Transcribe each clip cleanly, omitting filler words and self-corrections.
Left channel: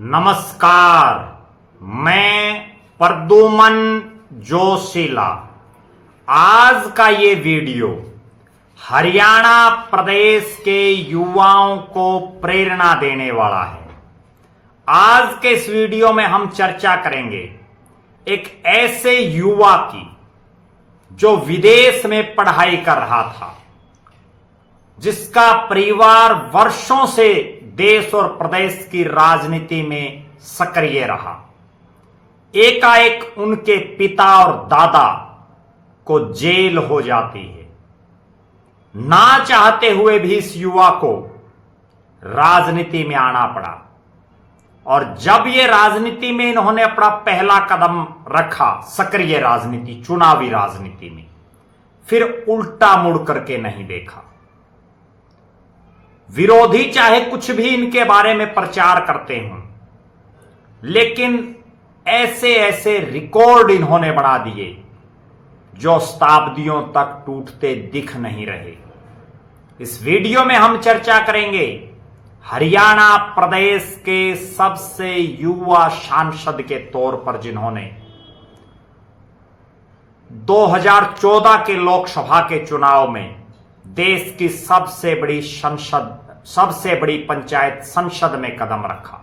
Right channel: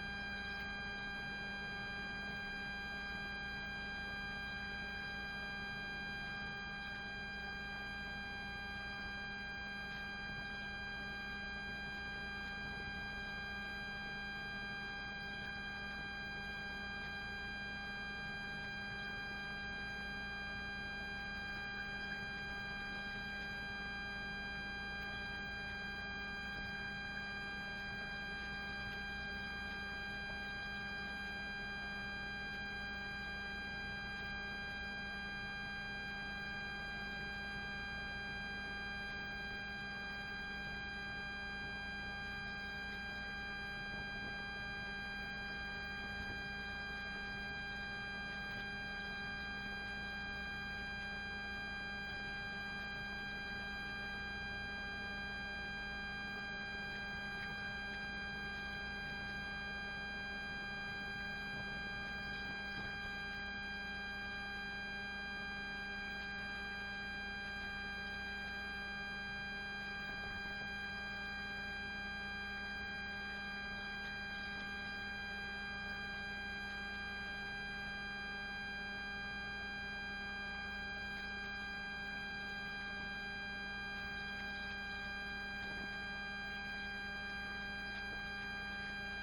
नमस्कार, मैं प्रद्युमन जोशीला। आज का ये वीडियो हरियाणा प्रदेश के युवाओं को प्रेरणा देने वाला है। आज के इस वीडियो में हम चर्चा करेंगे एक ऐसे युवा की जो विदेश में पढ़ाई कर रहा था, जिसका परिवार वर्षों से देश और प्रदेश की राजनीति में सक्रिय रहा। एकाएक उनके पिता और दादा को जेल हो जाती है। ना चाहते हुए भी इस युवा को राजनीति में आना पड़ा, और जब ये राजनीति में इन्होंने अपना पहला कदम रखा, सक्रिय राजनीति, चुनावी राजनीति में, फिर उल्टा मुड़ करके नहीं देखा। विरोधी चाहे कुछ भी इनके बारे में प्रचार करते हों, लेकिन ऐसे ऐसे रिकॉर्ड इन्होंने बना दिए जो शताब्दियों तक टूटते दिख नहीं रहे। इस वीडियो में हम चर्चा करेंगे हरियाणा प्रदेश के सबसे युवा सांसद के तौर पर, जिन्होंने 2014 के लोकसभा के चुनाव में देश की सबसे बड़ी पंचायत संसद में कदम रखा,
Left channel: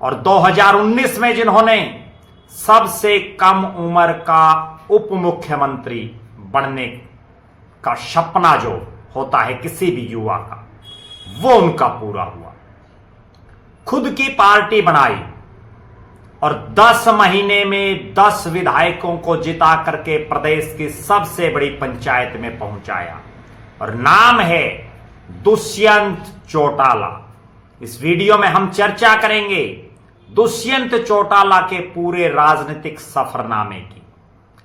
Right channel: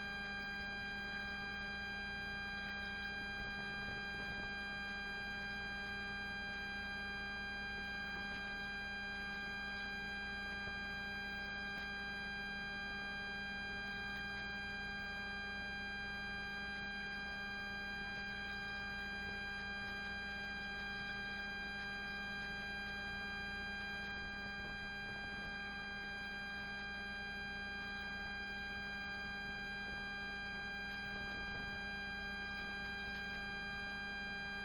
और 2019 में जिन्होंने सबसे कम उम्र का उप मुख्यमंत्री बनने का सपना जो होता है किसी भी युवा का, वो उनका पूरा हुआ। खुद की पार्टी बनाई और 10 महीने में 10 विधायकों को जिता करके प्रदेश की सबसे बड़ी पंचायत में पहुंचाया, और नाम है दुष्यंत चौटाला। इस वीडियो में हम चर्चा करेंगे दुष्यंत चौटाला के पूरे राजनीतिक सफरनामे की।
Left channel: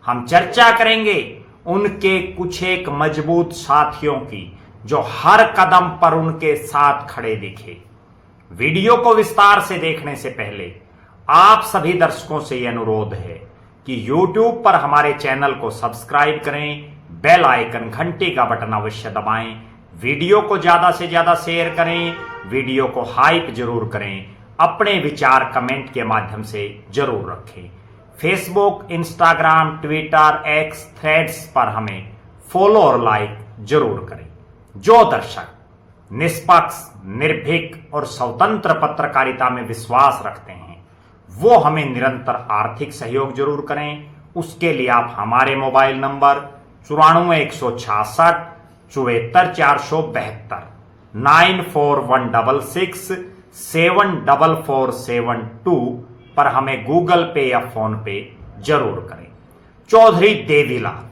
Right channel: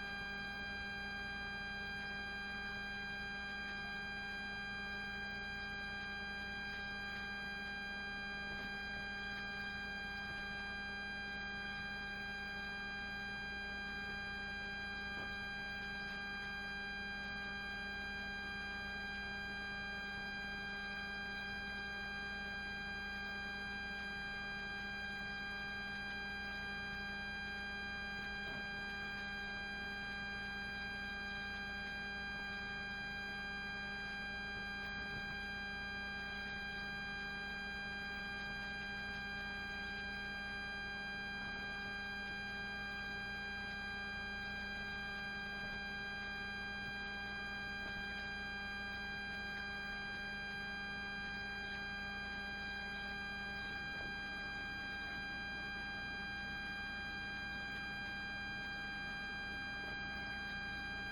हम चर्चा करेंगे उनके कुछ एक मजबूत साथियों की जो हर कदम पर उनके साथ खड़े दिखे। वीडियो को विस्तार से देखने से पहले आप सभी दर्शकों से यह अनुरोध है कि YouTube पर हमारे चैनल को सब्सक्राइब करें, बेल आइकन, घंटी का बटन अवश्य दबाएं, वीडियो को ज्यादा से ज्यादा शेयर करें, वीडियो को हाइप जरूर करें, अपने विचार कमेंट के माध्यम से जरूर रखें। Facebook, Instagram, Twitter, x, threads पर हमें फॉलो और लाइक जरूर करें। जो दर्शक निष्पक्ष, निर्भीक और स्वतंत्र पत्रकारिता में विश्वास रखते हैं, वो हमें निरंतर आर्थिक सहयोग जरूर करें। उसके लिए आप हमारे मोबाइल नंबर 94 166 74 472 9416 74472 पर हमें गूगल पे या फोन पे जरूर करें। चौधरी देवीलाल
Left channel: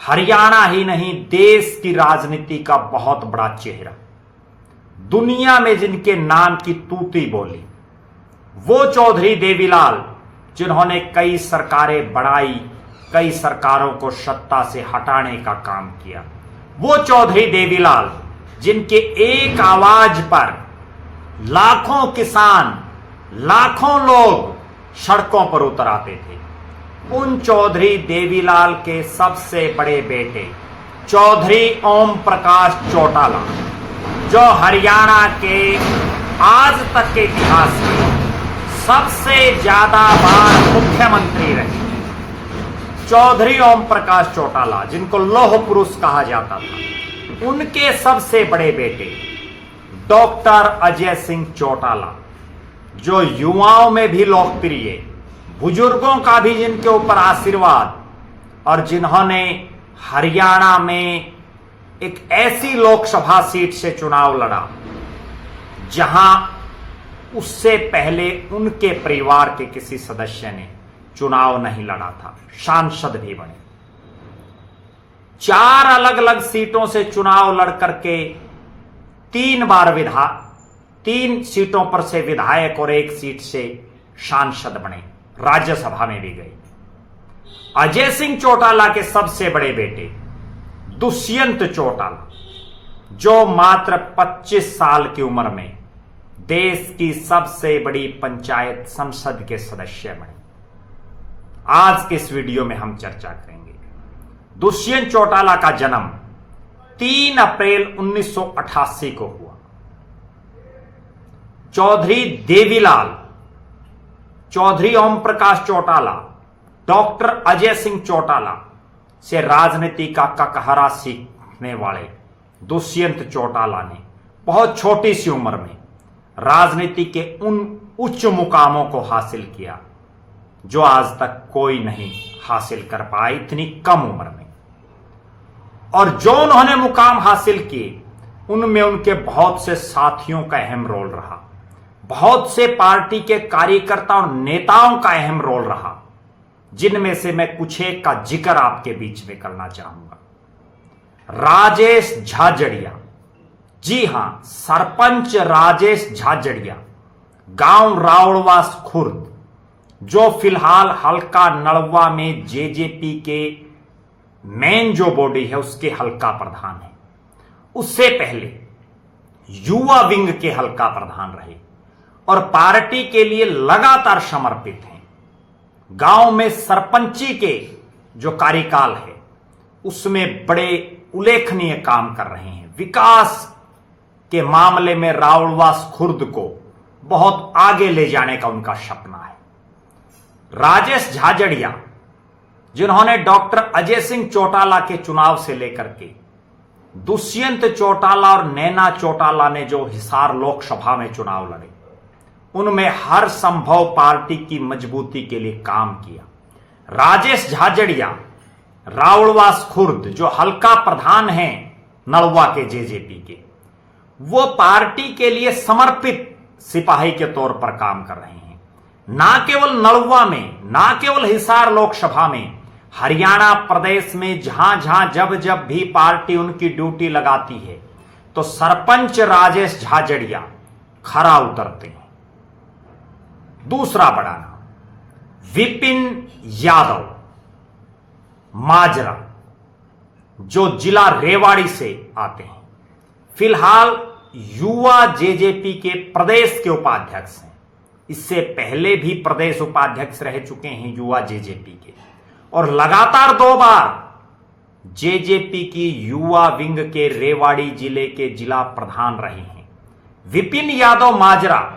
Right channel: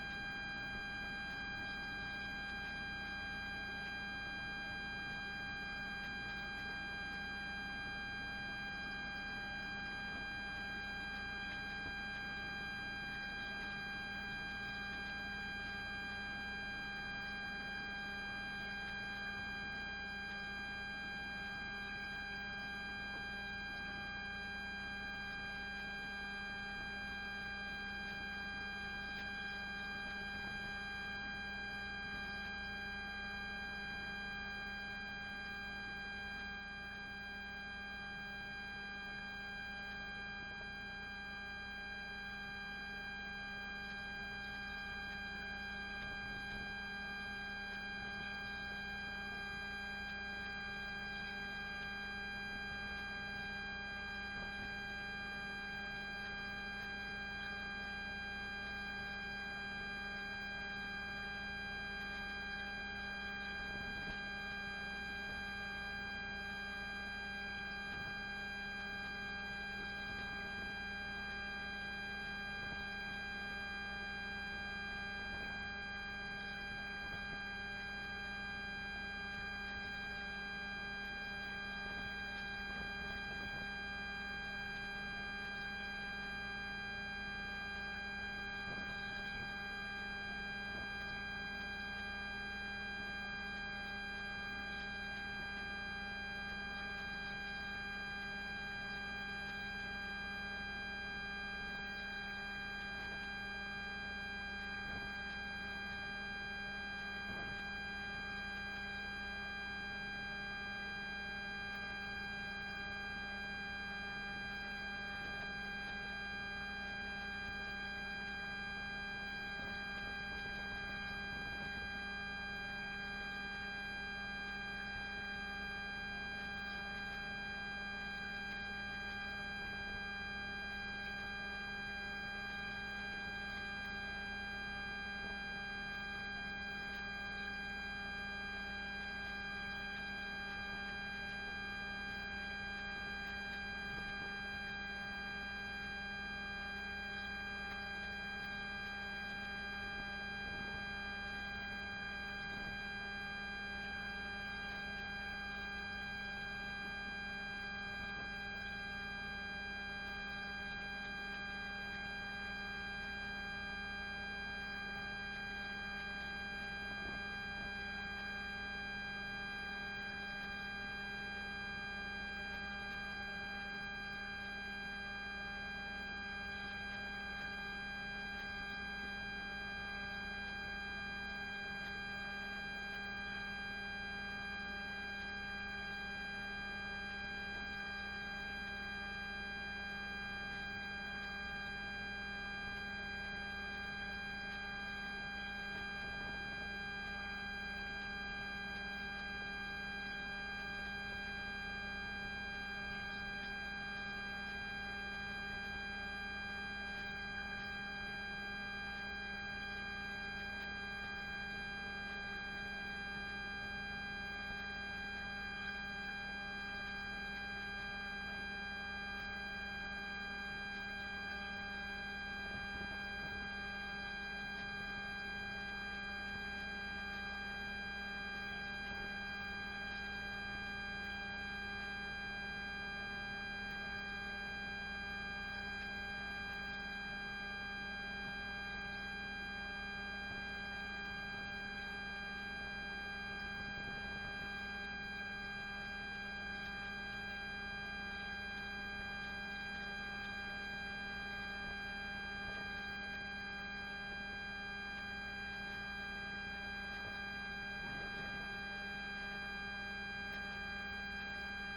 हरियाणा ही नहीं, देश की राजनीति का बहुत बड़ा चेहरा, दुनिया में जिनके नाम की तूती बोली, वो चौधरी देवीलाल जिन्होंने कई सरकारें बनाई, कई सरकारों को सत्ता से हटाने का काम किया, वो चौधरी देवीलाल जिनके एक आवाज पर लाखों किसान, लाखों लोग सड़कों पर उतर आते थे, उन चौधरी देवीलाल के सबसे बड़े बेटे चौधरी ओम प्रकाश चौटाला, जो हरियाणा के आज तक के इतिहास में सबसे ज्यादा बार मुख्यमंत्री रहे, चौधरी ओम प्रकाश चौटाला, जिनको लौह पुरुष कहा जाता था, उनके सबसे बड़े बेटे डॉक्टर अजय सिंह चौटाला, जो युवाओं में भी लोकप्रिय, बुजुर्गों का भी जिनके ऊपर आशीर्वाद, और जिन्होंने हरियाणा में एक ऐसी लोकसभा सीट से चुनाव लड़ा जहां उससे पहले उनके परिवार के किसी सदस्य ने चुनाव नहीं लड़ा था, सांसद भी बने। 4 अलग अलग सीटों से चुनाव लड़ करके 3 सीटों पर से विधायक और 1 सीट से सांसद बने, राज्यसभा में भी गए। अजय सिंह चौटाला के सबसे बड़े बेटे दुष्यंत चौटाला, जो मात्र 25 साल की उम्र में देश की सबसे बड़ी पंचायत संसद के सदस्य बने। आज के इस वीडियो में हम चर्चा करेंगे दुष्यंत चौटाला का जन्म 3 अप्रैल 1988 को हुआ। चौधरी देवीलाल, चौधरी ओम प्रकाश चौटाला, डॉक्टर अजय सिंह चौटाला से राजनीति का ककहरा सीखने वाले दुष्यंत चौटाला ने बहुत छोटी सी उम्र में राजनीति के उन उच्च मुकामों को हासिल किया जो आज तक कोई नहीं हासिल कर पाया इतनी कम उम्र में। और जो उन्होंने मुकाम हासिल किए उनमें उनके बहुत से साथियों का अहम रोल रहा, बहुत से पार्टी के कार्यकर्ता और नेताओं का अहम रोल रहा, जिनमें से मैं कुछ एक का जिक्र आपके बीच में करना चाहूंगा। राजेश झाझड़िया, जी हां, सरपंच राजेश झाझड़िया, गांव रावड़वास खुर्द, जो फिलहाल हल्का नलवा में जेजेपी के मेन जो बॉडी है उसके हल्का प्रधान है। उससे पहले युवा विंग के हल्का प्रधान रहे और पार्टी के लिए लगातार समर्पित हैं। गांव में सरपंची के जो कार्यकाल है उसमें बड़े उल्लेखनीय काम कर रहे हैं। विकास के मामले में रावड़वास खुर्द को बहुत आगे ले जाने का उनका सपना है। राजेश झाझड़िया, जिन्होंने डॉक्टर अजय सिंह चौटाला के चुनाव से लेकर के दुष्यंत चौटाला और नैना चौटाला ने जो हिसार लोकसभा में चुनाव लड़े, उनमें हर संभव पार्टी की मजबूती के लिए काम किया। राजेश झाझड़िया रावड़वास खुर्द जो हल्का प्रधान हैं नलवा के जेजेपी के, वो पार्टी के लिए समर्पित सिपाही के तौर पर काम कर रहे हैं। ना केवल नलवा में, ना केवल हिसार लोकसभा में, हरियाणा प्रदेश में जहां जहां जब जब भी पार्टी उनकी ड्यूटी लगाती है तो सरपंच राजेश झाझड़िया खरा उतरते हैं। दूसरा बड़ा नाम विपिन यादव माजरा, जो जिला रेवाड़ी से आते हैं, फिलहाल युवा जेजेपी के प्रदेश के उपाध्यक्ष हैं। इससे पहले भी प्रदेश उपाध्यक्ष रह चुके हैं युवा जेजेपी के, और लगातार 2 बार जेजेपी की युवा विंग के रेवाड़ी जिले के जिला प्रधान रहे हैं। विपिन यादव माजरा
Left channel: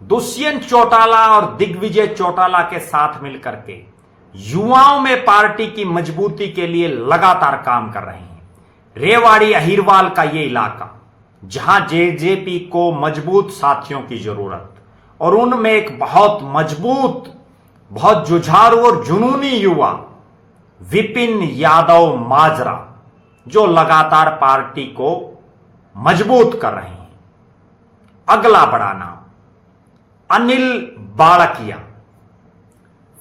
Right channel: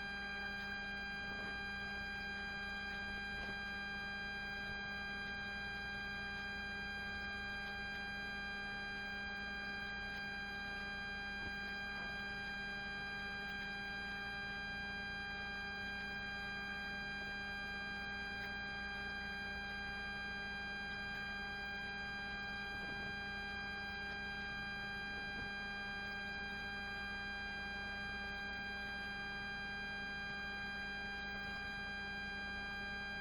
दुष्यंत चौटाला और दिग्विजय चौटाला के साथ मिलकर के युवाओं में पार्टी की मजबूती के लिए लगातार काम कर रहे हैं। रेवाड़ी अहिरवाल का यह इलाका, जहां जेजेपी को मजबूत साथियों की जरूरत, और उनमें एक बहुत मजबूत, बहुत जुझारू और जुनूनी युवा विपिन यादव माजरा, जो लगातार पार्टी को मजबूत कर रहे हैं। अगला बड़ा नाम अनिल बाड़किया,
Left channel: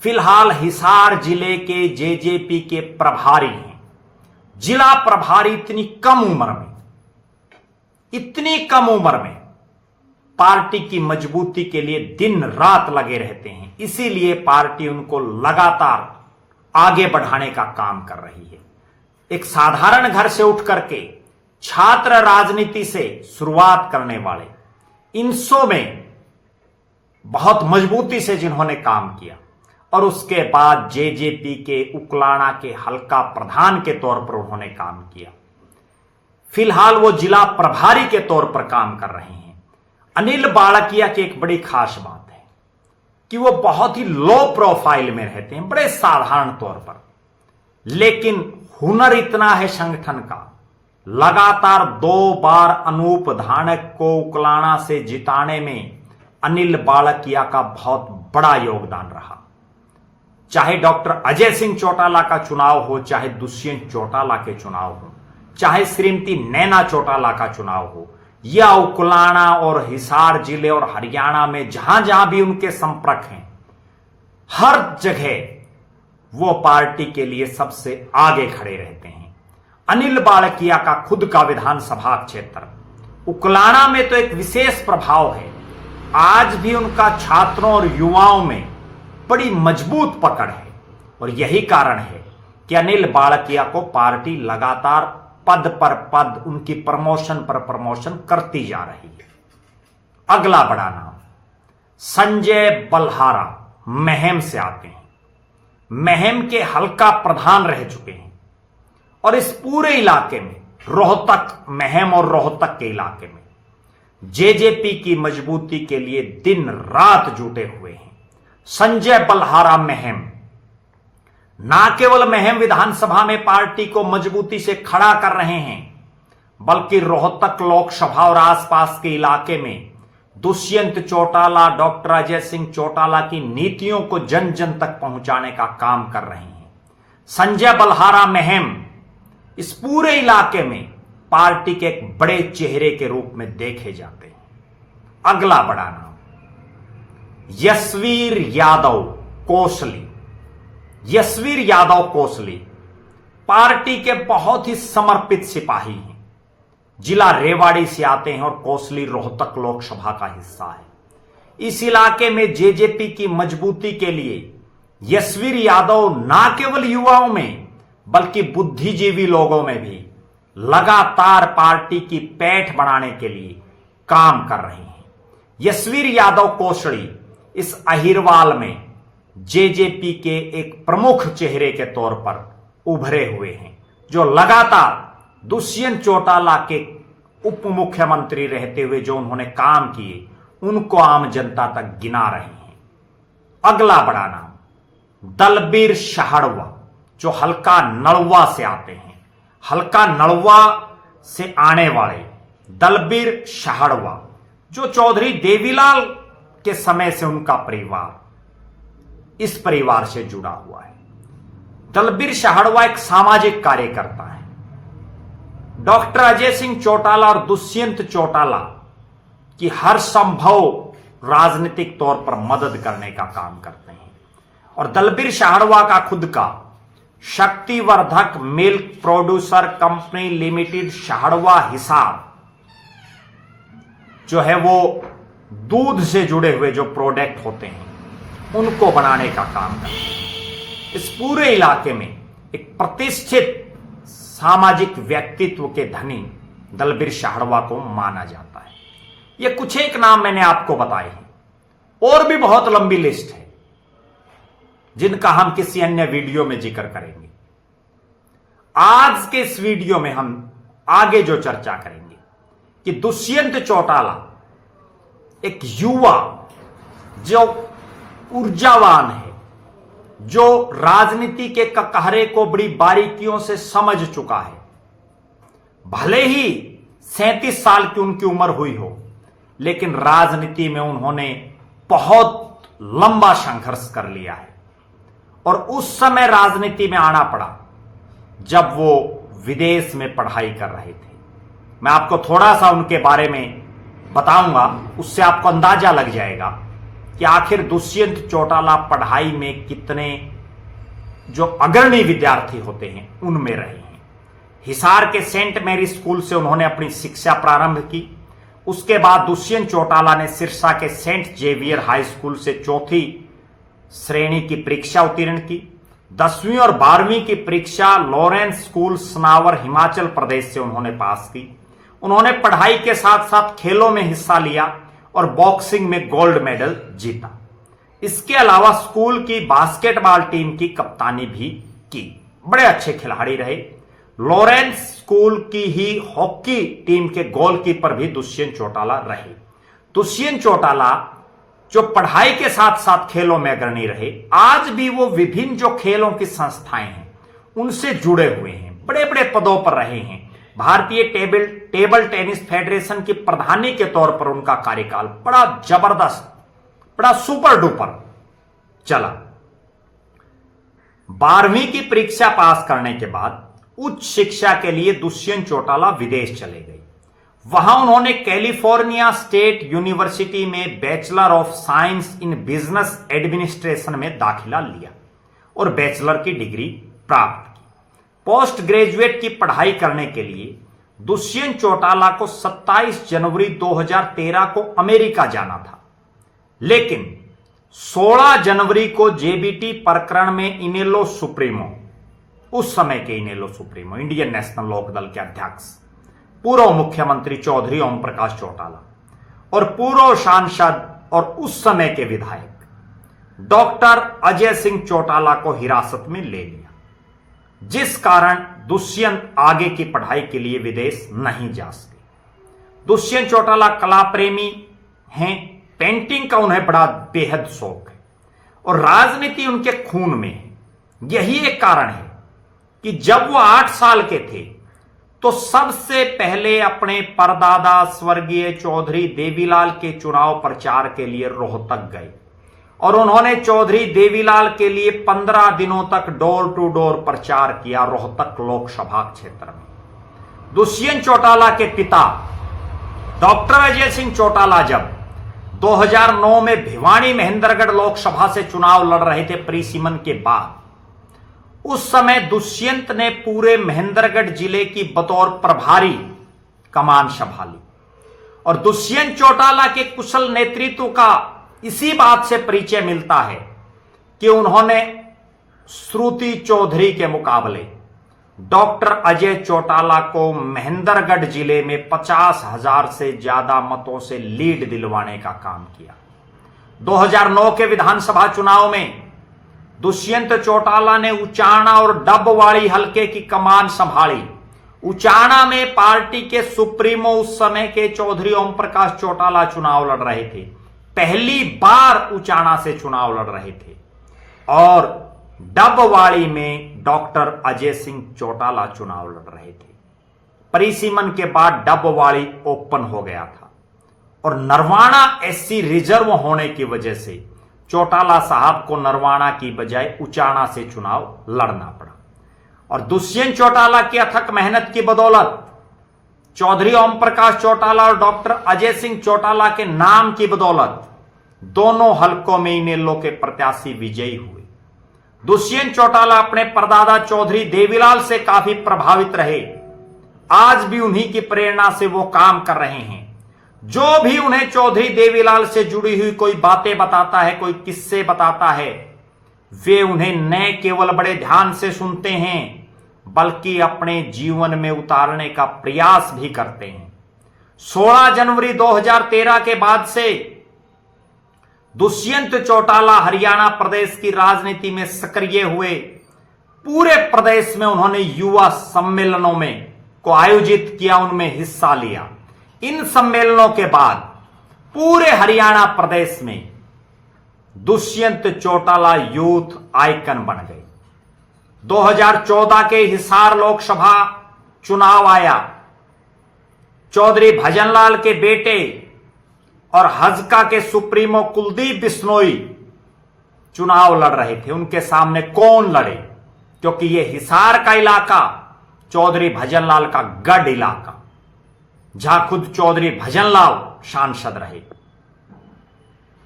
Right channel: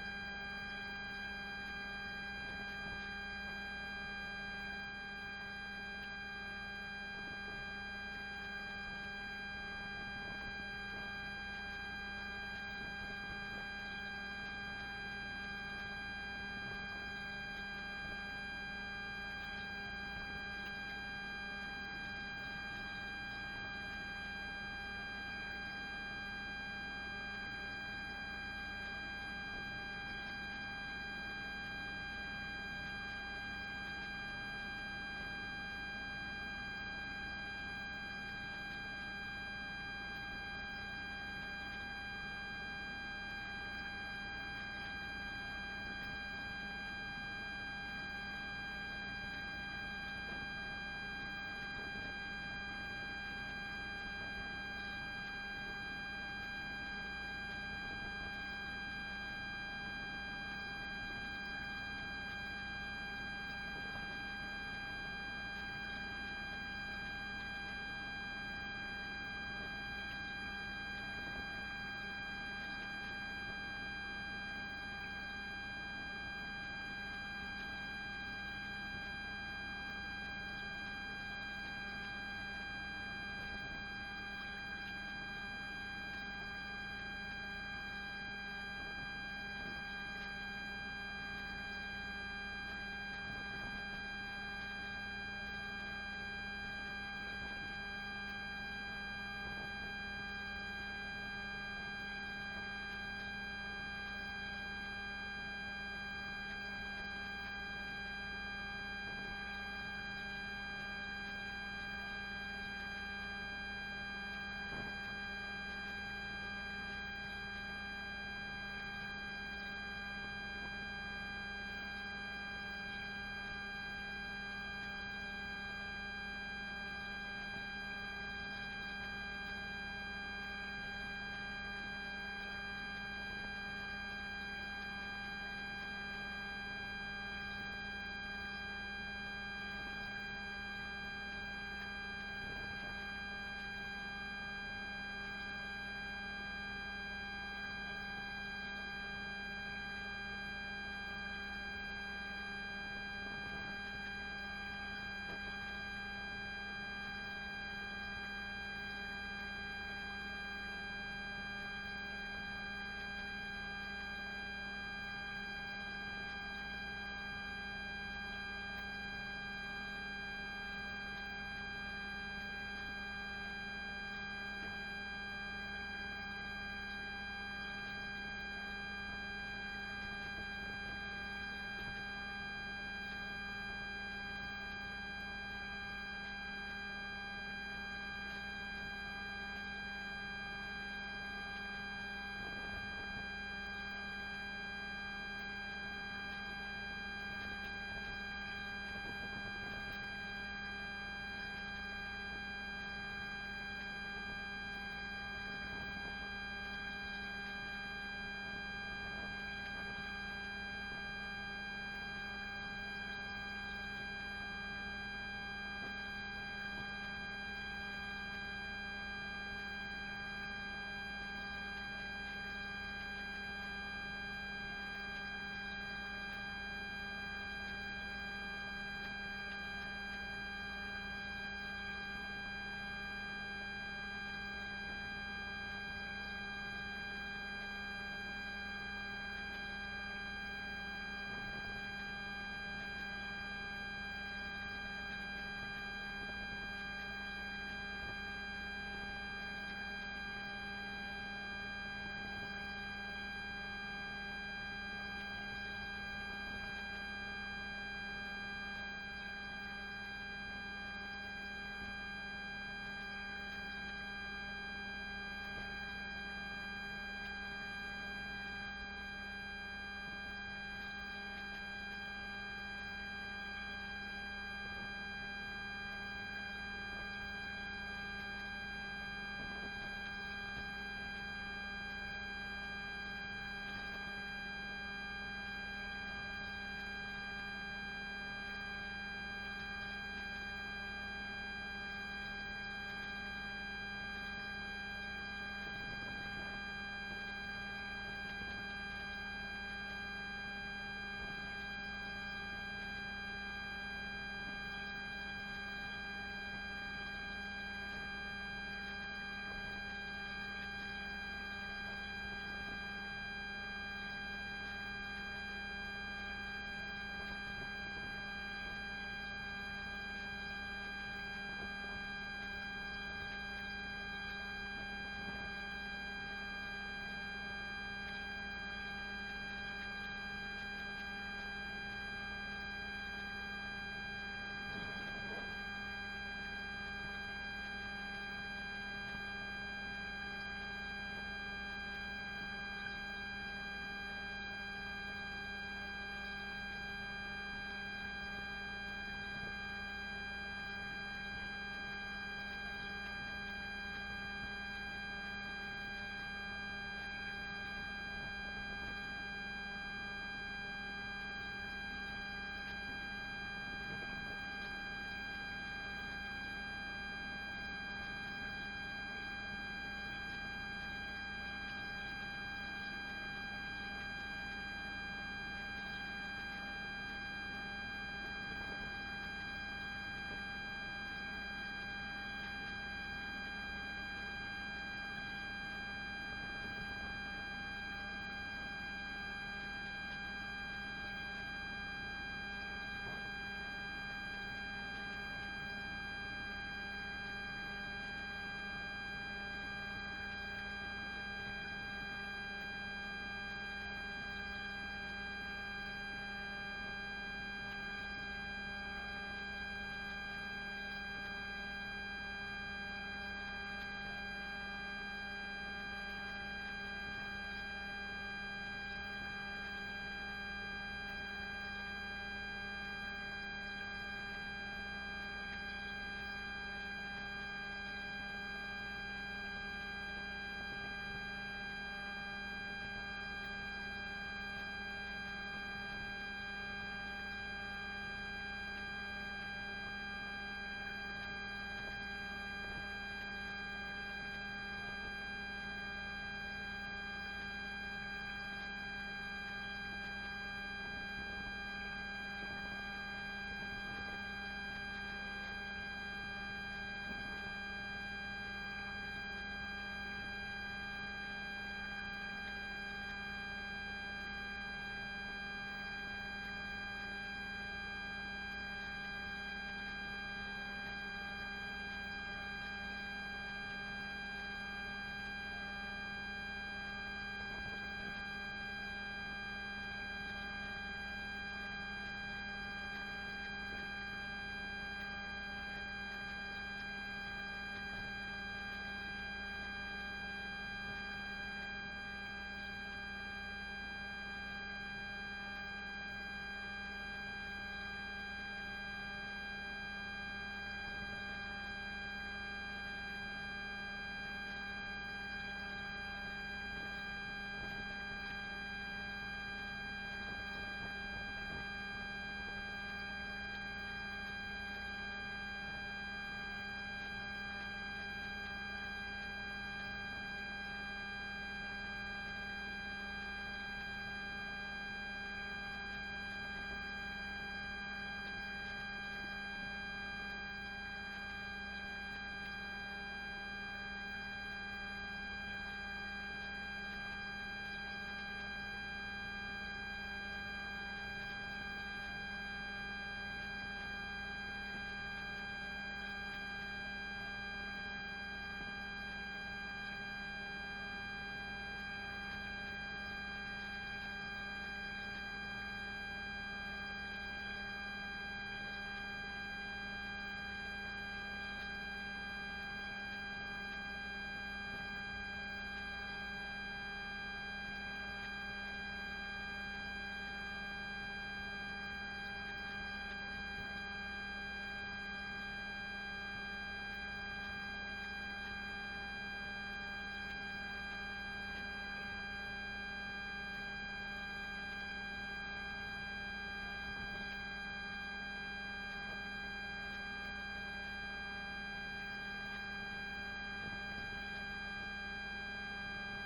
फिलहाल हिसार जिले के जेजेपी के प्रभारी हैं। जिला प्रभारी इतनी कम उम्र में पार्टी की मजबूती के लिए दिन रात लगे रहते हैं, इसीलिए पार्टी उनको लगातार आगे बढ़ाने का काम कर रही है। एक साधारण घर से उठ करके छात्र राजनीति से शुरुआत करने वाले इनसो में बहुत मजबूती से जिन्होंने काम किया और उसके बाद जेजेपी के उकलाना के हल्का प्रधान के तौर पर उन्होंने काम किया, फिलहाल वो जिला प्रभारी के तौर पर काम कर रहे हैं। अनिल बाड़किया की एक बड़ी खास बात है कि वो बहुत ही लो प्रोफाइल में रहते हैं, बड़े साधारण तौर पर, लेकिन हुनर इतना है संगठन का। लगातार 2 बार अनूप धानक को उकलाना से जिताने में अनिल बाड़किया का बहुत बड़ा योगदान रहा। चाहे डॉक्टर अजय सिंह चौटाला का चुनाव हो, चाहे दुष्यंत चौटाला के चुनाव हो, चाहे श्रीमती नैना चौटाला का चुनाव हो, या उकलाना और हिसार जिले और हरियाणा में जहां जहां भी उनके संपर्क हैं, हर जगह वो पार्टी के लिए सबसे आगे खड़े रहते हैं। अनिल बाड़किया का खुद का विधानसभा क्षेत्र उकलाना में तो एक विशेष प्रभाव है। आज भी उनका छात्रों और युवाओं में बड़ी मजबूत पकड़ है, और यही कारण है कि अनिल बाड़किया को पार्टी लगातार पद पर पद, उनकी प्रमोशन पर प्रमोशन करती जा रही है। अगला बड़ा नाम संजय बल्हारा महम से आते हैं। महम के हल्का प्रधान रह चुके हैं और इस पूरे इलाके में, रोहतक, महम और रोहतक के इलाके में जेजेपी की मजबूती के लिए दिन रात जुटे हुए हैं। संजय बलहारा महम ना केवल महम विधानसभा में पार्टी को मजबूती से खड़ा कर रहे हैं, बल्कि रोहतक लोकसभा और आसपास के इलाके में दुष्यंत चौटाला, डॉक्टर अजय सिंह चौटाला की नीतियों को जन जन तक पहुंचाने का काम कर रहे हैं। संजय बलहारा महम इस पूरे इलाके में पार्टी के एक बड़े चेहरे के रूप में देखे जाते हैं। अगला बड़ा नाम यशवीर यादव कोसली। यशवीर यादव कोसली पार्टी के बहुत ही समर्पित सिपाही हैं। जिला रेवाड़ी से आते हैं और कोसली रोहतक लोकसभा का हिस्सा है। इस इलाके में जेजेपी की मजबूती के लिए यशवीर यादव ना केवल युवाओं में बल्कि बुद्धिजीवी लोगों में भी लगातार पार्टी की पैठ बढ़ाने के लिए काम कर रहे हैं। यशवीर यादव कोसली इस अहिरवाल में जेजेपी के एक प्रमुख चेहरे के तौर पर उभरे हुए हैं, जो लगातार दुष्यंत चौटाला के उप मुख्यमंत्री रहते हुए जो उन्होंने काम किए उनको आम जनता तक गिना रहे हैं। अगला बड़ा नाम दलबीर शाहड़वा, जो हल्का नलवा से आते हैं। हल्का नलवा से आने वाले दलबीर शाहड़वा, जो चौधरी देवीलाल के समय से उनका परिवार इस परिवार से जुड़ा हुआ है। दलबीर शाहड़वा एक सामाजिक कार्यकर्ता है। डॉक्टर अजय सिंह चौटाला और दुष्यंत चौटाला की हर संभव राजनीतिक तौर पर मदद करने का काम करते हैं। और दलबीर शाहड़वा का खुद का शक्तिवर्धक milk producer company limited Shahadwa Hisar जो है वो दूध से जुड़े हुए जो प्रोडक्ट होते हैं उनको बनाने का काम करते हैं। इस पूरे इलाके में एक प्रतिष्ठित सामाजिक व्यक्तित्व के धनी दलबीर शाहड़वा को माना जाता है। ये कुछ एक नाम मैंने आपको बताए हैं, और भी बहुत लंबी लिस्ट है जिनका हम किसी अन्य वीडियो में जिक्र करेंगे। आज के इस वीडियो में हम आगे जो चर्चा करेंगे कि दुष्यंत चौटाला एक युवा जो ऊर्जावान है, जो राजनीति के ककहरे को बड़ी बारीकियों से समझ चुका है। भले ही 37 साल की उनकी उम्र हुई हो, लेकिन राजनीति में उन्होंने बहुत लंबा संघर्ष कर लिया है। और उस समय राजनीति में आना पड़ा जब वो विदेश में पढ़ाई कर रहे थे। मैं आपको थोड़ा सा उनके बारे में बताऊंगा, उससे आपको अंदाजा लग जाएगा कि आखिर दुष्यंत चौटाला पढ़ाई में कितने जो अग्रणी विद्यार्थी होते हैं उनमें रहे हैं। हिसार के सेंट मैरी स्कूल से उन्होंने अपनी शिक्षा प्रारंभ की। उसके बाद दुष्यंत चौटाला ने सिरसा के सेंट जेवियर हाई स्कूल से चौथी श्रेणी की परीक्षा उत्तीर्ण की। 10वीं और 12वीं की परीक्षा लॉरेंस स्कूल सनावर हिमाचल प्रदेश से उन्होंने पास की। उन्होंने पढ़ाई के साथ साथ खेलों में हिस्सा लिया और बॉक्सिंग में गोल्ड मेडल जीता। इसके अलावा स्कूल की बास्केटबॉल टीम की कप्तानी भी की। बड़े अच्छे खिलाड़ी रहे। लॉरेंस स्कूल की ही हॉकी टीम के गोलकीपर भी दुष्यंत चौटाला रहे। दुष्यंत चौटाला जो पढ़ाई के साथ साथ खेलों में अग्रणी रहे, आज भी वो विभिन्न जो खेलों की संस्थाएं हैं उनसे जुड़े हुए हैं, बड़े बड़े पदों पर रहे हैं। भारतीय टेबल टेनिस फेडरेशन की प्रधानी के तौर पर उनका कार्यकाल बड़ा जबरदस्त, बड़ा सुपर डुपर चला। 12वीं की परीक्षा पास करने के बाद उच्च शिक्षा के लिए दुष्यंत चौटाला विदेश चले गए। वहां उन्होंने कैलिफोर्निया स्टेट यूनिवर्सिटी में bachelor of science in business administration में दाखिला लिया और बैचलर की डिग्री प्राप्त की। पोस्ट ग्रेजुएट की पढ़ाई करने के लिए दुष्यंत चौटाला को 27 जनवरी 2013 को अमेरिका जाना था, लेकिन 16 जनवरी को जेबीटी प्रकरण में इनेलो सुप्रीमो, उस समय के इनेलो सुप्रीमो इंडियन नेशनल लोकदल के अध्यक्ष पूर्व मुख्यमंत्री चौधरी ओम प्रकाश चौटाला और पूर्व सांसद और उस समय के विधायक डॉक्टर अजय सिंह चौटाला को हिरासत में ले लिया, जिस कारण दुष्यंत आगे की पढ़ाई के लिए विदेश नहीं जा सके। दुष्यंत चौटाला कला प्रेमी हैं, पेंटिंग का उन्हें बड़ा बेहद शौक है और राजनीति उनके खून में है। यही एक कारण है कि जब वो 8 साल के थे तो सबसे पहले अपने परदादा स्वर्गीय चौधरी देवीलाल के चुनाव प्रचार के लिए रोहतक गए और उन्होंने चौधरी देवीलाल के लिए 15 दिनों तक डोर टू डोर प्रचार किया रोहतक लोकसभा क्षेत्र में। दुष्यंत चौटाला के पिता डॉक्टर अजय सिंह चौटाला जब 2009 में भिवानी महेंद्रगढ़ लोकसभा से चुनाव लड़ रहे थे परिसीमन के बाद, उस समय दुष्यंत ने पूरे महेंद्रगढ़ जिले की बतौर प्रभारी कमान संभाली और दुष्यंत चौटाला के कुशल नेतृत्व का इसी बात से परिचय मिलता है कि उन्होंने श्रुति चौधरी के मुकाबले डॉक्टर अजय चौटाला को महेंद्रगढ़ जिले में 50,000 से ज्यादा मतों से लीड दिलवाने का काम किया। 2009 के विधानसभा चुनाव में दुष्यंत चौटाला ने उचाना और डबवाड़ी हलके की कमान संभाली। उचाना में पार्टी के सुप्रीमो उस समय के चौधरी ओम प्रकाश चौटाला चुनाव लड़ रहे थे, पहली बार उचाना से चुनाव लड़ रहे थे और डबवाड़ी में डॉक्टर अजय सिंह चौटाला चुनाव लड़ रहे थे। परिसीमन के बाद डबवाड़ी ओपन हो गया था और नरवाना एससी रिजर्व होने की वजह से चौटाला साहब को नरवाना की बजाय उचाना से चुनाव लड़ना पड़ा और दुष्यंत चौटाला की अथक मेहनत की बदौलत चौधरी ओम प्रकाश चौटाला और डॉक्टर अजय सिंह चौटाला के नाम की बदौलत दोनों हलकों में इनेलो के प्रत्याशी विजयी हुए। दुष्यंत चौटाला अपने परदादा चौधरी देवीलाल से काफी प्रभावित रहे। आज भी उन्हीं की प्रेरणा से वो काम कर रहे हैं। जो भी उन्हें चौधरी देवीलाल से जुड़ी हुई कोई बातें बताता है, कोई किस्से बताता है, वे उन्हें न केवल बड़े ध्यान से सुनते हैं बल्कि अपने जीवन में उतारने का प्रयास भी करते हैं। 16 जनवरी 2013 के बाद से दुष्यंत चौटाला हरियाणा प्रदेश की राजनीति में सक्रिय हुए। पूरे प्रदेश में उन्होंने युवा सम्मेलनों में को आयोजित किया, उनमें हिस्सा लिया। इन सम्मेलनों के बाद पूरे हरियाणा प्रदेश में दुष्यंत चौटाला यूथ आइकन बन गए। 2014 के हिसार लोकसभा चुनाव आया। चौधरी भजनलाल के बेटे और हजका के सुप्रीमो कुलदीप बिश्नोई चुनाव लड़ रहे थे। उनके सामने कौन लड़े, क्योंकि यह हिसार का इलाका चौधरी भजनलाल का गढ़ इलाका, जहां खुद चौधरी भजनलाल सांसद रहे,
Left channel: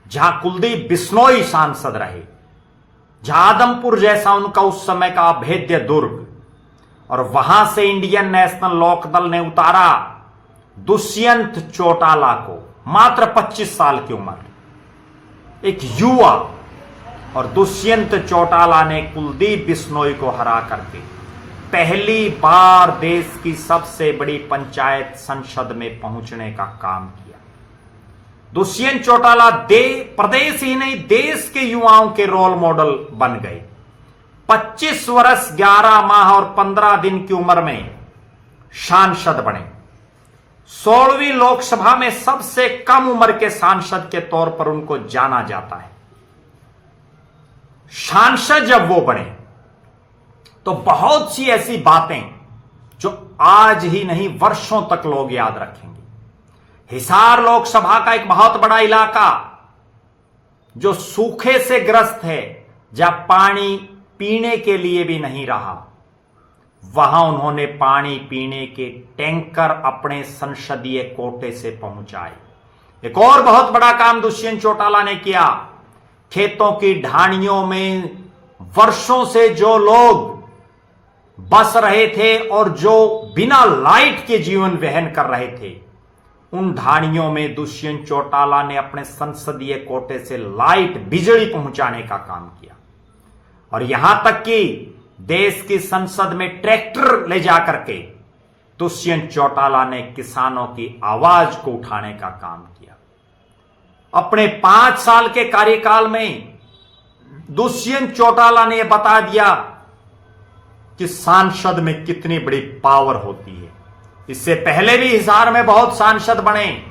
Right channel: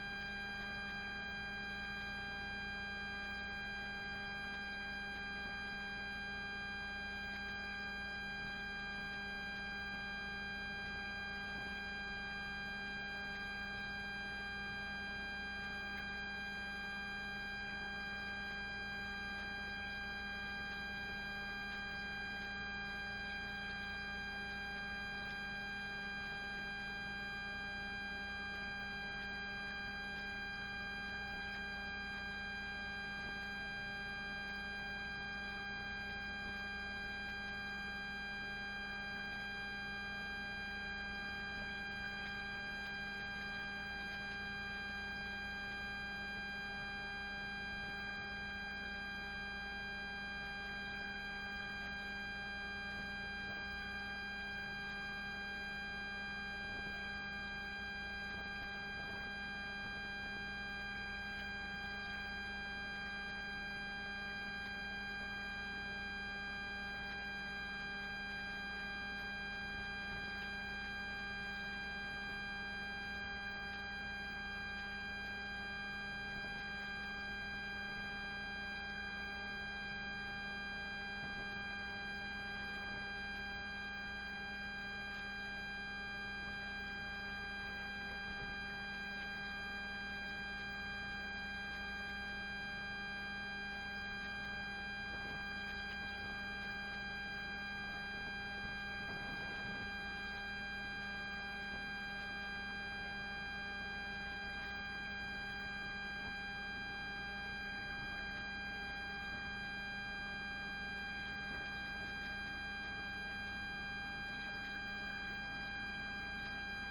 जहां कुलदीप बिश्नोई सांसद रहे, जहां आदमपुर जैसा उनका उस समय का अभेद्य दुर्ग, और वहां से इंडियन नेशनल लोकदल ने उतारा दुष्यंत चौटाला को, मात्र 25 साल की उम्र, एक युवा, और दुष्यंत चौटाला ने कुलदीप बिश्नोई को हरा करके पहली बार देश की सबसे बड़ी पंचायत संसद में पहुंचने का काम किया। दुष्यंत चौटाला प्रदेश ही नहीं देश के युवाओं के रोल मॉडल बन गए। 25 वर्ष 11 माह और 15 दिन की उम्र में सांसद बने। 16वीं लोकसभा में सबसे कम उम्र के सांसद के तौर पर उनको जाना जाता है। सांसद जब वो बने तो बहुत सी ऐसी बातें जो आज ही नहीं वर्षों तक लोग याद रखेंगे। हिसार लोकसभा का एक बहुत बड़ा इलाका जो सूखे से ग्रस्त है, जहां पानी पीने के लिए भी नहीं रहा, वहां उन्होंने पानी पीने के टैंकर अपने संसदीय कोटे से पहुंचाए। एक और बहुत बड़ा काम दुष्यंत चौटाला ने किया। खेतों की ढाणियों में वर्षों से जो लोग बस रहे थे और जो बिना लाइट के जीवन वहन कर रहे थे, उन ढाणियों में दुष्यंत चौटाला ने अपने संसदीय कोटे से लाइट, बिजली पहुंचाने का काम किया। और यहां तक कि देश की संसद में ट्रैक्टर ले जाकर के दुष्यंत चौटाला ने किसानों की आवाज को उठाने का काम किया। अपने 5 साल के कार्यकाल में दुष्यंत चौटाला ने यह बता दिया कि सांसद में कितनी बड़ी पावर होती है। इससे पहले भी हिसार में बहुत सांसद बने,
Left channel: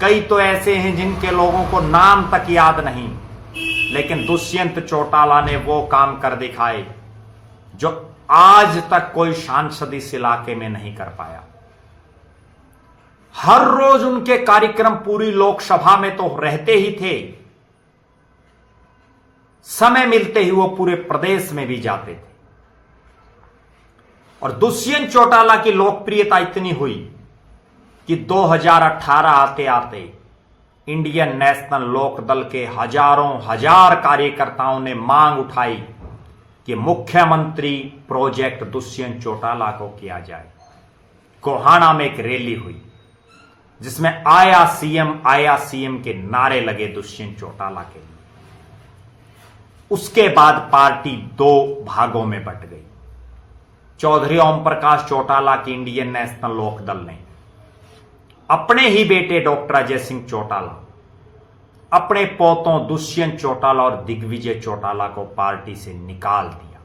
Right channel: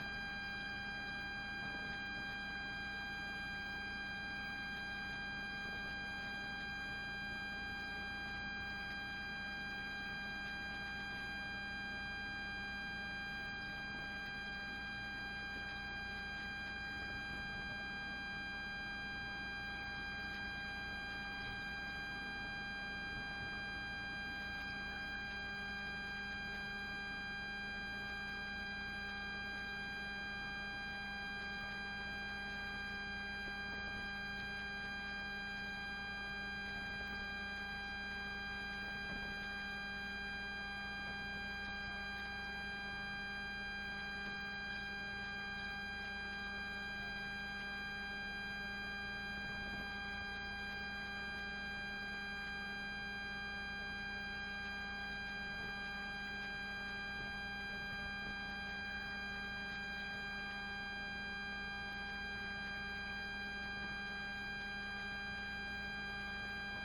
कई तो ऐसे हैं जिनके लोगों को नाम तक याद नहीं, लेकिन दुष्यंत चौटाला ने वो काम कर दिखाए जो आज तक कोई सांसद इस इलाके में नहीं कर पाया। हर रोज उनके कार्यक्रम पूरी लोकसभा में तो रहते ही थे, समय मिलते ही वो पूरे प्रदेश में भी जाते थे। और दुष्यंत चौटाला की लोकप्रियता इतनी हुई कि 2018 आते आते इंडियन नेशनल लोकदल के हजारों हजार कार्यकर्ताओं ने मांग उठाई कि मुख्यमंत्री प्रोजेक्ट दुष्यंत चौटाला को किया जाए। गोहाना में एक रैली हुई जिसमें आया सीएम के नारे लगे दुष्यंत चौटाला के लिए। उसके बाद पार्टी दो भागों में बंट गई। चौधरी ओम प्रकाश चौटाला की इंडियन नेशनल लोकदल ने अपने ही बेटे डॉक्टर अजय सिंह चौटाला, अपने पोतों दुष्यंत चौटाला और दिग्विजय चौटाला को पार्टी से निकाल दिया।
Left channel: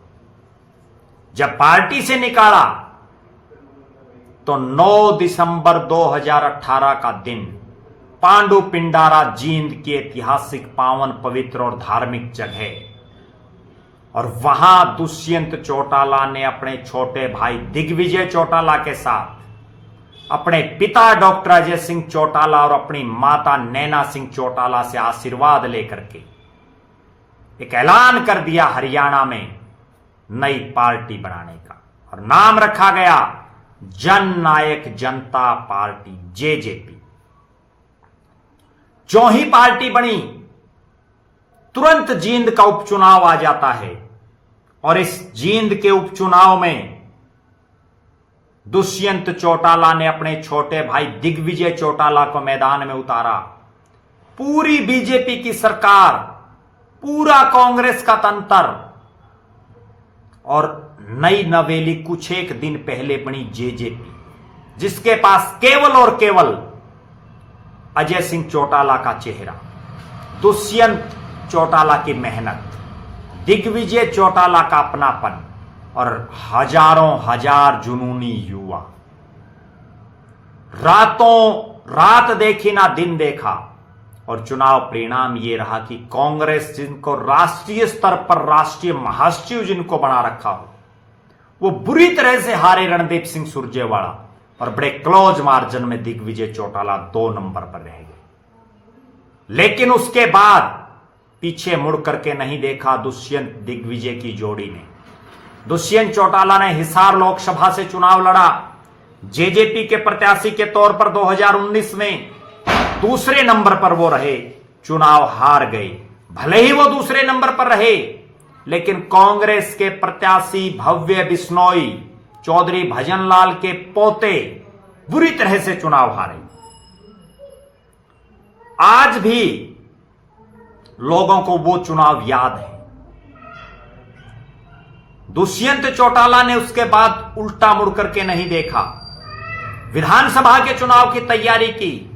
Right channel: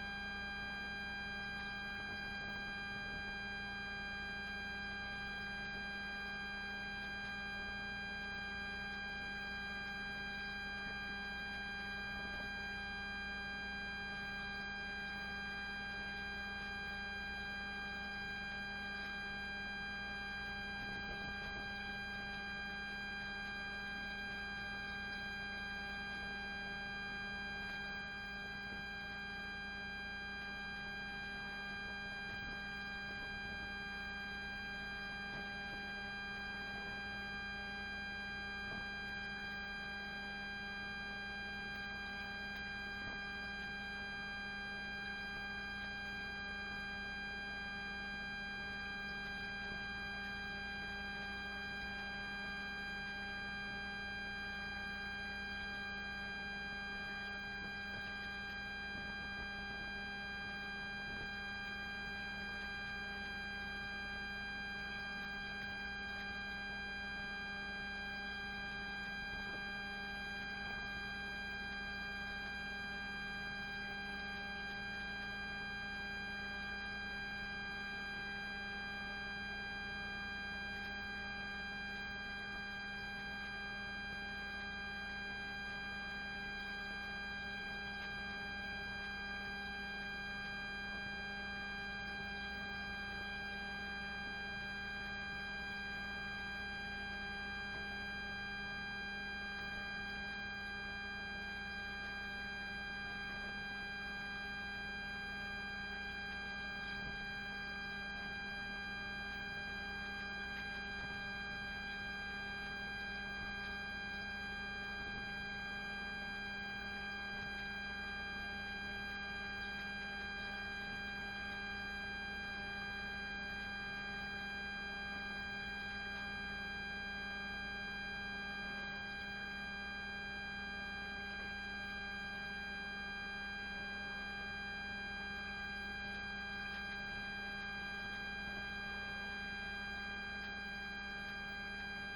जब पार्टी से निकाला तो 9 दिसंबर 2018 का दिन पांडु पिंडारा जींद की ऐतिहासिक पावन पवित्र और धार्मिक जगह, और वहां दुष्यंत चौटाला ने अपने छोटे भाई दिग्विजय चौटाला के साथ अपने पिता डॉक्टर अजय सिंह चौटाला और अपनी माता नैना सिंह चौटाला से आशीर्वाद लेकर के एक ऐलान कर दिया हरियाणा में नई पार्टी बनाने का, और नाम रखा गया जन नायक जनता पार्टी जेजेपी। जो ही पार्टी बनी तुरंत जींद का उपचुनाव आ जाता है, और इस जींद के उपचुनाव में दुष्यंत चौटाला ने अपने छोटे भाई दिग्विजय चौटाला को मैदान में उतारा। पूरी बीजेपी की सरकार, पूरा कांग्रेस का तंत्र और नई नवेली कुछ एक दिन पहले बनी जेजेपी, जिसके पास केवल और केवल अजय सिंह चौटाला का चेहरा, दुष्यंत चौटाला की मेहनत, दिग्विजय चौटाला का अपनापन और हजारों हजार जुनूनी युवा। रातों रात देखी ना दिन देखा, और चुनाव परिणाम यह रहा कि कांग्रेस जिनको राष्ट्रीय स्तर पर राष्ट्रीय महासचिव जिनको बना रखा हो, वो बुरी तरह से हारे रणदीप सिंह सुरजेवाला, और बड़े क्लोज मार्जिन में दिग्विजय चौटाला 2 नंबर पर रह गए। लेकिन उसके बाद पीछे मुड़ करके नहीं देखा दुष्यंत दिग्विजय की जोड़ी ने। दुष्यंत चौटाला ने हिसार लोकसभा से चुनाव लड़ा, जेजेपी के प्रत्याशी के तौर पर 2019 में दूसरे नंबर पर वो रहे, चुनाव हार गए। भले ही वो दूसरे नंबर पर रहे, लेकिन कांग्रेस के प्रत्याशी भव्य बिश्नोई, चौधरी भजनलाल के पोते, बुरी तरह से चुनाव हारे। आज भी लोगों को वो चुनाव याद है। दुष्यंत चौटाला ने उसके बाद उल्टा मुड़ करके नहीं देखा, विधानसभा के चुनाव की तैयारी की,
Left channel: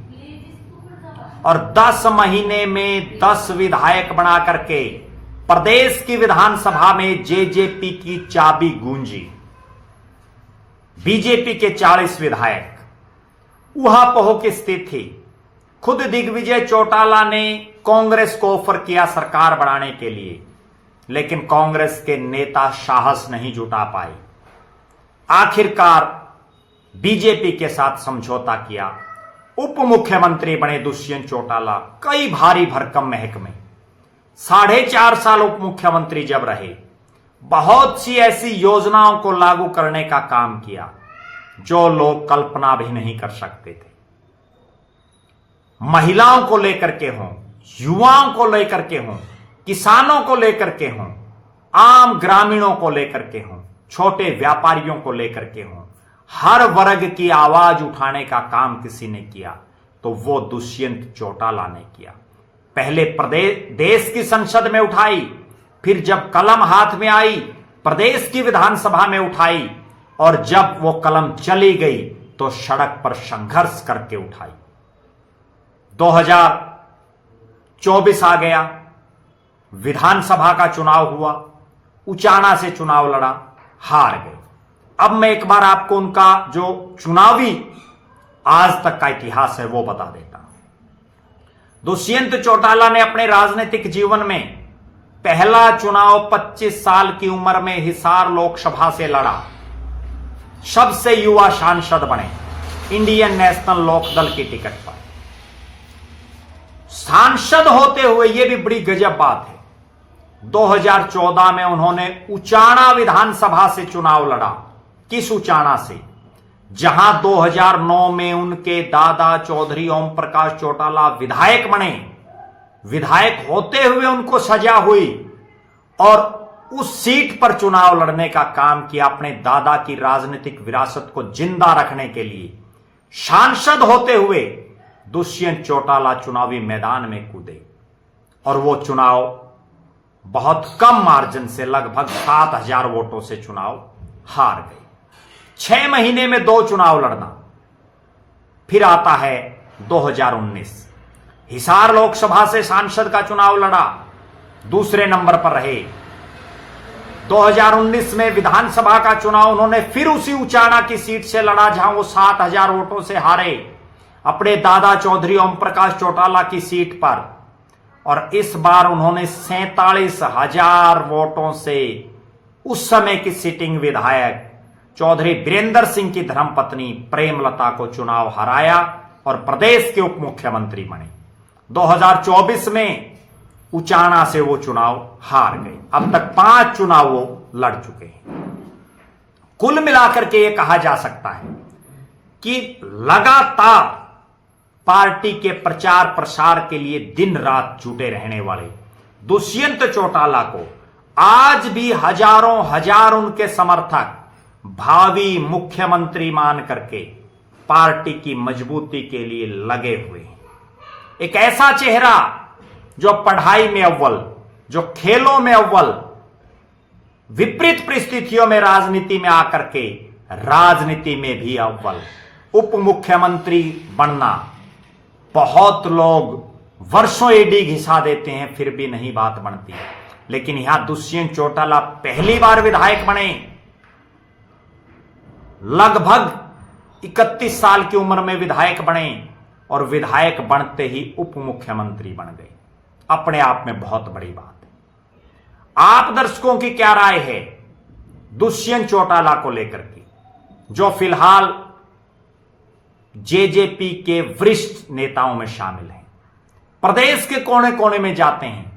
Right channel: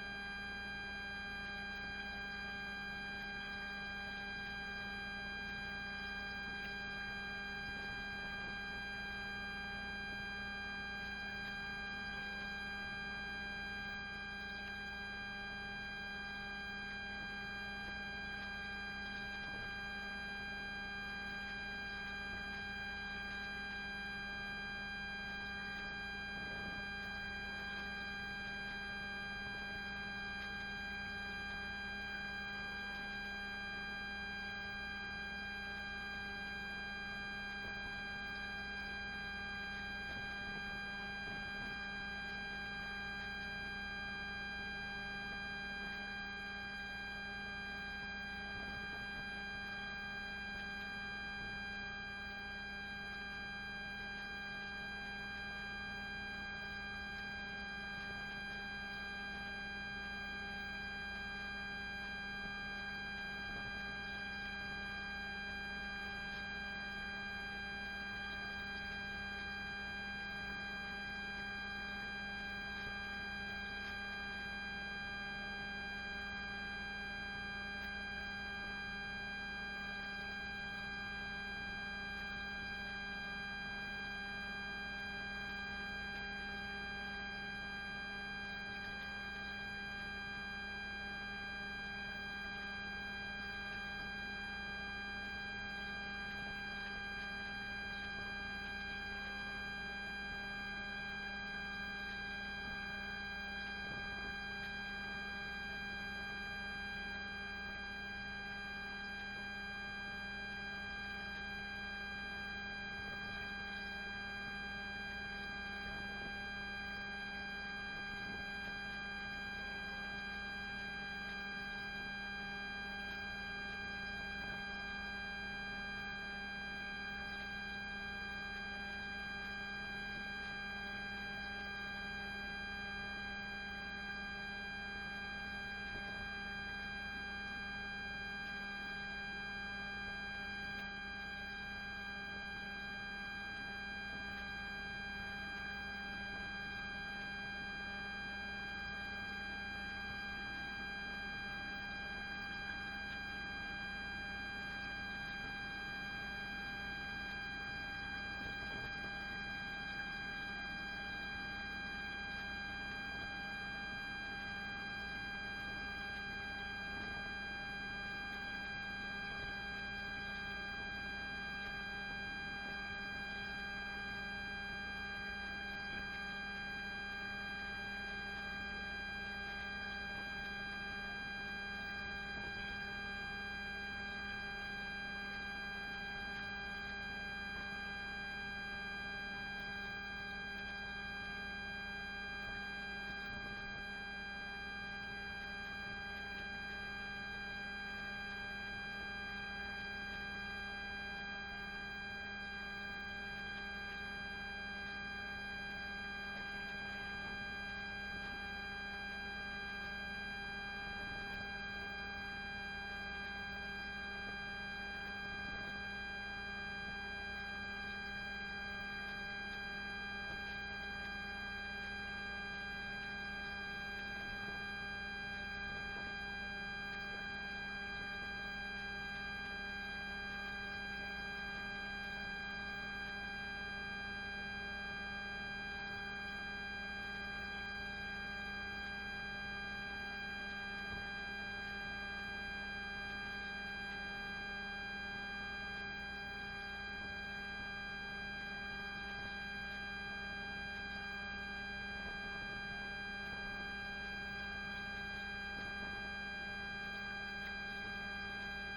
और 10 महीने में 10 विधायक बना करके प्रदेश की विधानसभा में जेजेपी की चाबी गूंजी। बीजेपी के 40 विधायक उहापोह की स्थिति थी। खुद दिग्विजय चौटाला ने कांग्रेस को ऑफर किया सरकार बनाने के लिए, लेकिन कांग्रेस के नेता साहस नहीं जुटा पाए। आखिरकार बीजेपी के साथ समझौता किया, उप मुख्यमंत्री बने दुष्यंत चौटाला। कई भारी भरकम महकमे, 4.5 साल उप मुख्यमंत्री जब रहे, बहुत सी ऐसी योजनाओं को लागू करने का काम किया जो लोग कल्पना भी नहीं कर सकते थे। महिलाओं को लेकर के हों, युवाओं को लेकर के हों, किसानों को लेकर के हों, आम ग्रामीणों को लेकर के हों, छोटे व्यापारियों को लेकर के हों, हर वर्ग की आवाज उठाने का काम किसी ने किया तो वो दुष्यंत चौटाला ने किया। पहले प्रदेश देश की संसद में उठाई, फिर जब कलम हाथ में आई प्रदेश की विधानसभा में उठाई, और जब वो कलम चली गई तो सड़क पर संघर्ष करके उठाई। 2024 आ गया, विधानसभा का चुनाव हुआ, उचाना से चुनाव लड़ा, हार गए। अब मैं एक बार आपको उनका जो चुनावी आज तक का इतिहास है वो बता देता हूं। दुष्यंत चौटाला ने अपने राजनीतिक जीवन में पहला चुनाव 25 साल की उम्र में हिसार लोकसभा से लड़ा, सबसे युवा सांसद बने इंडियन नेशनल लोकदल की टिकट पर। सांसद होते हुए यह भी बड़ी गजब बात है, 2014 में उन्होंने उचाना विधानसभा से चुनाव लड़ा। किस उचाना से? जहां 2009 में उनके दादा चौधरी ओम प्रकाश चौटाला विधायक बने। विधायक होते हुए उनको सजा हुई और उस सीट पर चुनाव लड़ने का काम किया, अपने दादा की राजनीतिक विरासत को जिंदा रखने के लिए। सांसद होते हुए दुष्यंत चौटाला चुनावी मैदान में कूदे और वो चुनाव बहुत कम मार्जिन से, लगभग 7,000 वोटों से चुनाव हार गए। 6 महीने में 2 चुनाव लड़ना। फिर आता है 2019, हिसार लोकसभा से सांसद का चुनाव लड़ा, दूसरे नंबर पर रहे। 2019 में विधानसभा का चुनाव उन्होंने फिर उसी उचाना की सीट से लड़ा जहां वो 7,000 वोटों से हारे, अपने दादा चौधरी ओम प्रकाश चौटाला की सीट पर। और इस बार उन्होंने 47,000 वोटों से उस समय की सिटिंग विधायक चौधरी वीरेंद्र सिंह की धर्मपत्नी प्रेमलता को चुनाव हराया और प्रदेश के उप मुख्यमंत्री बने। 2024 में उचाना से वो चुनाव हार गए। अब तक 5 चुनाव वो लड़ चुके हैं। कुल मिलाकर के ये कहा जा सकता है कि लगातार पार्टी के प्रचार प्रसार के लिए दिन रात जुटे रहने वाले दुष्यंत चौटाला को आज भी हजारों हजार उनके समर्थक भावी मुख्यमंत्री मान करके पार्टी की मजबूती के लिए लगे हुए हैं। एक ऐसा चेहरा जो पढ़ाई में अव्वल, जो खेलों में अव्वल, विपरीत परिस्थितियों में राजनीति में आकर के राजनीति में भी अव्वल, उप मुख्यमंत्री बनना। बहुत लोग वर्षों ईडी घिसा देते हैं फिर भी नहीं बात बनती, लेकिन यहां दुष्यंत चौटाला पहली बार विधायक बने। लगभग 31 साल की उम्र में विधायक बने और विधायक बनते ही उप मुख्यमंत्री बन गए। अपने आप में बहुत बड़ी बात है। आप दर्शकों की क्या राय है दुष्यंत चौटाला को लेकर के, जो फिलहाल जेजेपी के वरिष्ठ नेताओं में शामिल हैं, प्रदेश के कोने कोने में जाते हैं।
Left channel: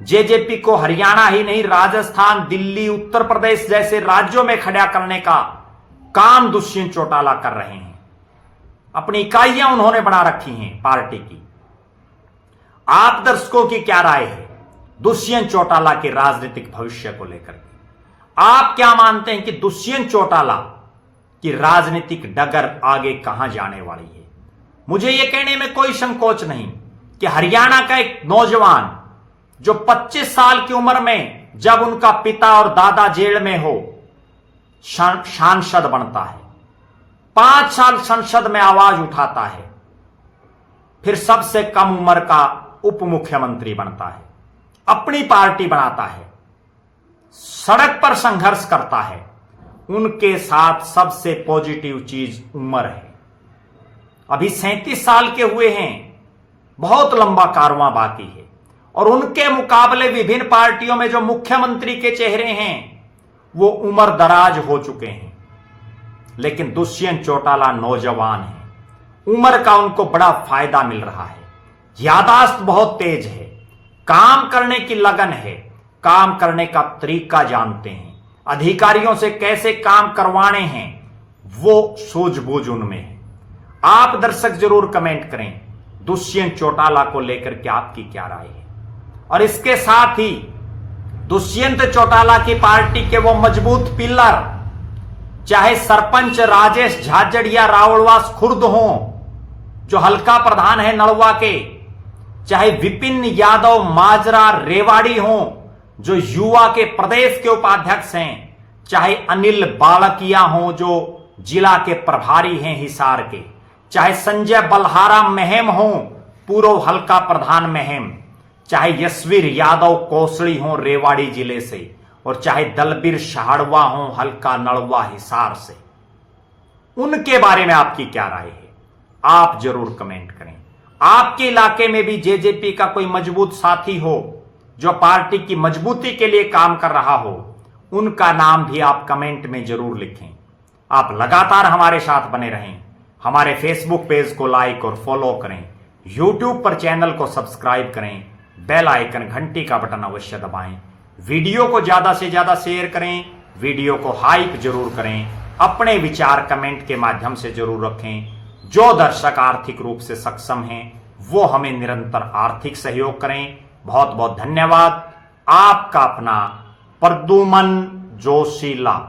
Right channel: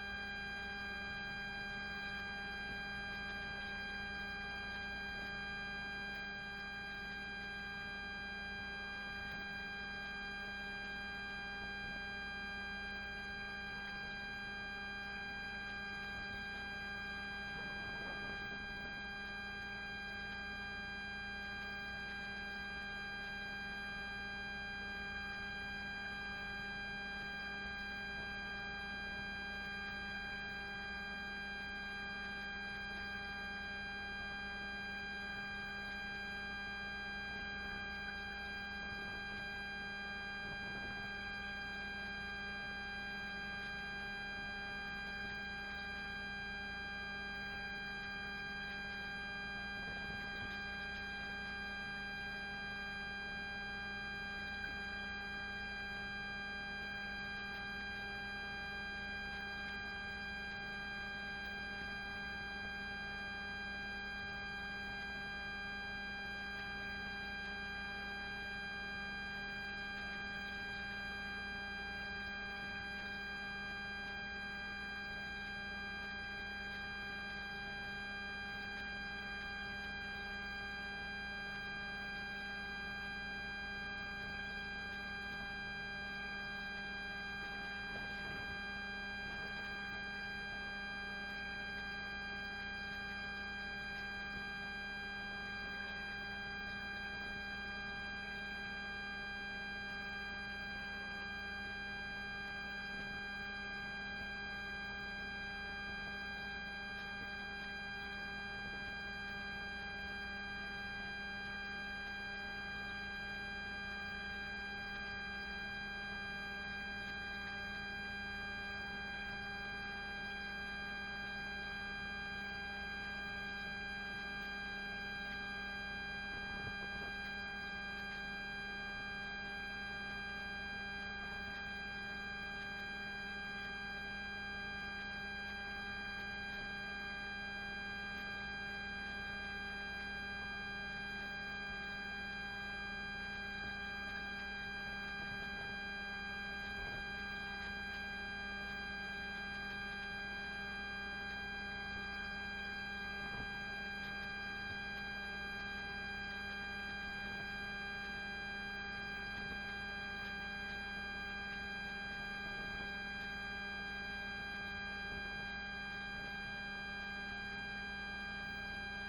जेजेपी को हरियाणा ही नहीं, राजस्थान, दिल्ली, उत्तर प्रदेश जैसे राज्यों में खड़ा करने का काम दुष्यंत चौटाला कर रहे हैं। अपनी इकाइयां उन्होंने बना रखी हैं पार्टी की। आप दर्शकों की क्या राय है दुष्यंत चौटाला के राजनीतिक भविष्य को लेकर? आप क्या मानते हैं कि दुष्यंत चौटाला की राजनीतिक डगर आगे कहां जाने वाली है? मुझे यह कहने में कोई संकोच नहीं कि हरियाणा का एक नौजवान जो 25 साल की उम्र में जब उनका पिता और दादा जेल में हो सांसद बनता है, 5 साल संसद में आवाज उठाता है, फिर सबसे कम उम्र का उप मुख्यमंत्री बनता है, अपनी पार्टी बनाता है, सड़क पर संघर्ष करता है। उनके साथ सबसे पॉजिटिव चीज उम्र है। अभी 37 साल के हुए हैं, बहुत लंबा कारवां बाकी है। और उनके मुकाबले विभिन्न पार्टियों में जो मुख्यमंत्री के चेहरे हैं वो उम्र दराज हो चुके हैं, लेकिन दुष्यंत चौटाला नौजवान है। उम्र का उनको बड़ा फायदा मिल रहा है। यादाश्त बहुत तेज है, काम करने की लगन है, काम करने का तरीका जानते हैं, अधिकारियों से कैसे काम करवाने हैं वो सूझबूझ उनमें है। आप दर्शक जरूर कमेंट करें दुष्यंत चौटाला को लेकर के आपकी क्या राय है। और इसके साथ ही दुष्यंत चौटाला की पार्टी के वो मजबूत पिलर, चाहे सरपंच राजेश झाझड़ या रावलवास खुर्द हो जो हल्का प्रधान है नलवा के, चाहे विपिन यादव माजरा रेवाड़ी हो जो युवा के प्रदेश के उपाध्यक्ष हैं, चाहे अनिल बालकिया हो जो जिला के प्रभारी हैं हिसार के, चाहे संजय बल्हारा महम हो पूर्व हल्का प्रधान महम, चाहे यशवीर यादव कोसड़ी हो रेवाड़ी जिले से, और चाहे दलबीर शहाड़वा हो हल्का नलवा हिसार से। उनके बारे में आपकी क्या राय है? आप जरूर कमेंट करें। आपके इलाके में भी जेजेपी का कोई मजबूत साथी हो जो पार्टी की मजबूती के लिए काम कर रहा हो, उनका नाम भी आप कमेंट में जरूर लिखें। आप लगातार हमारे साथ बने रहें। हमारे फेसबुक पेज को लाइक और फॉलो करें, यूट्यूब पर चैनल को सब्सक्राइब करें, बेल आइकन घंटी का बटन अवश्य दबाएं। वीडियो को ज्यादा से ज्यादा शेयर करें, वीडियो को हाइप जरूर करें, अपने विचार कमेंट के माध्यम से जरूर रखें। जो दर्शक आर्थिक रूप से सक्षम हैं वो हमें निरंतर आर्थिक सहयोग करें। बहुत बहुत धन्यवाद। आपका अपना प्रद्युमन जोशीला।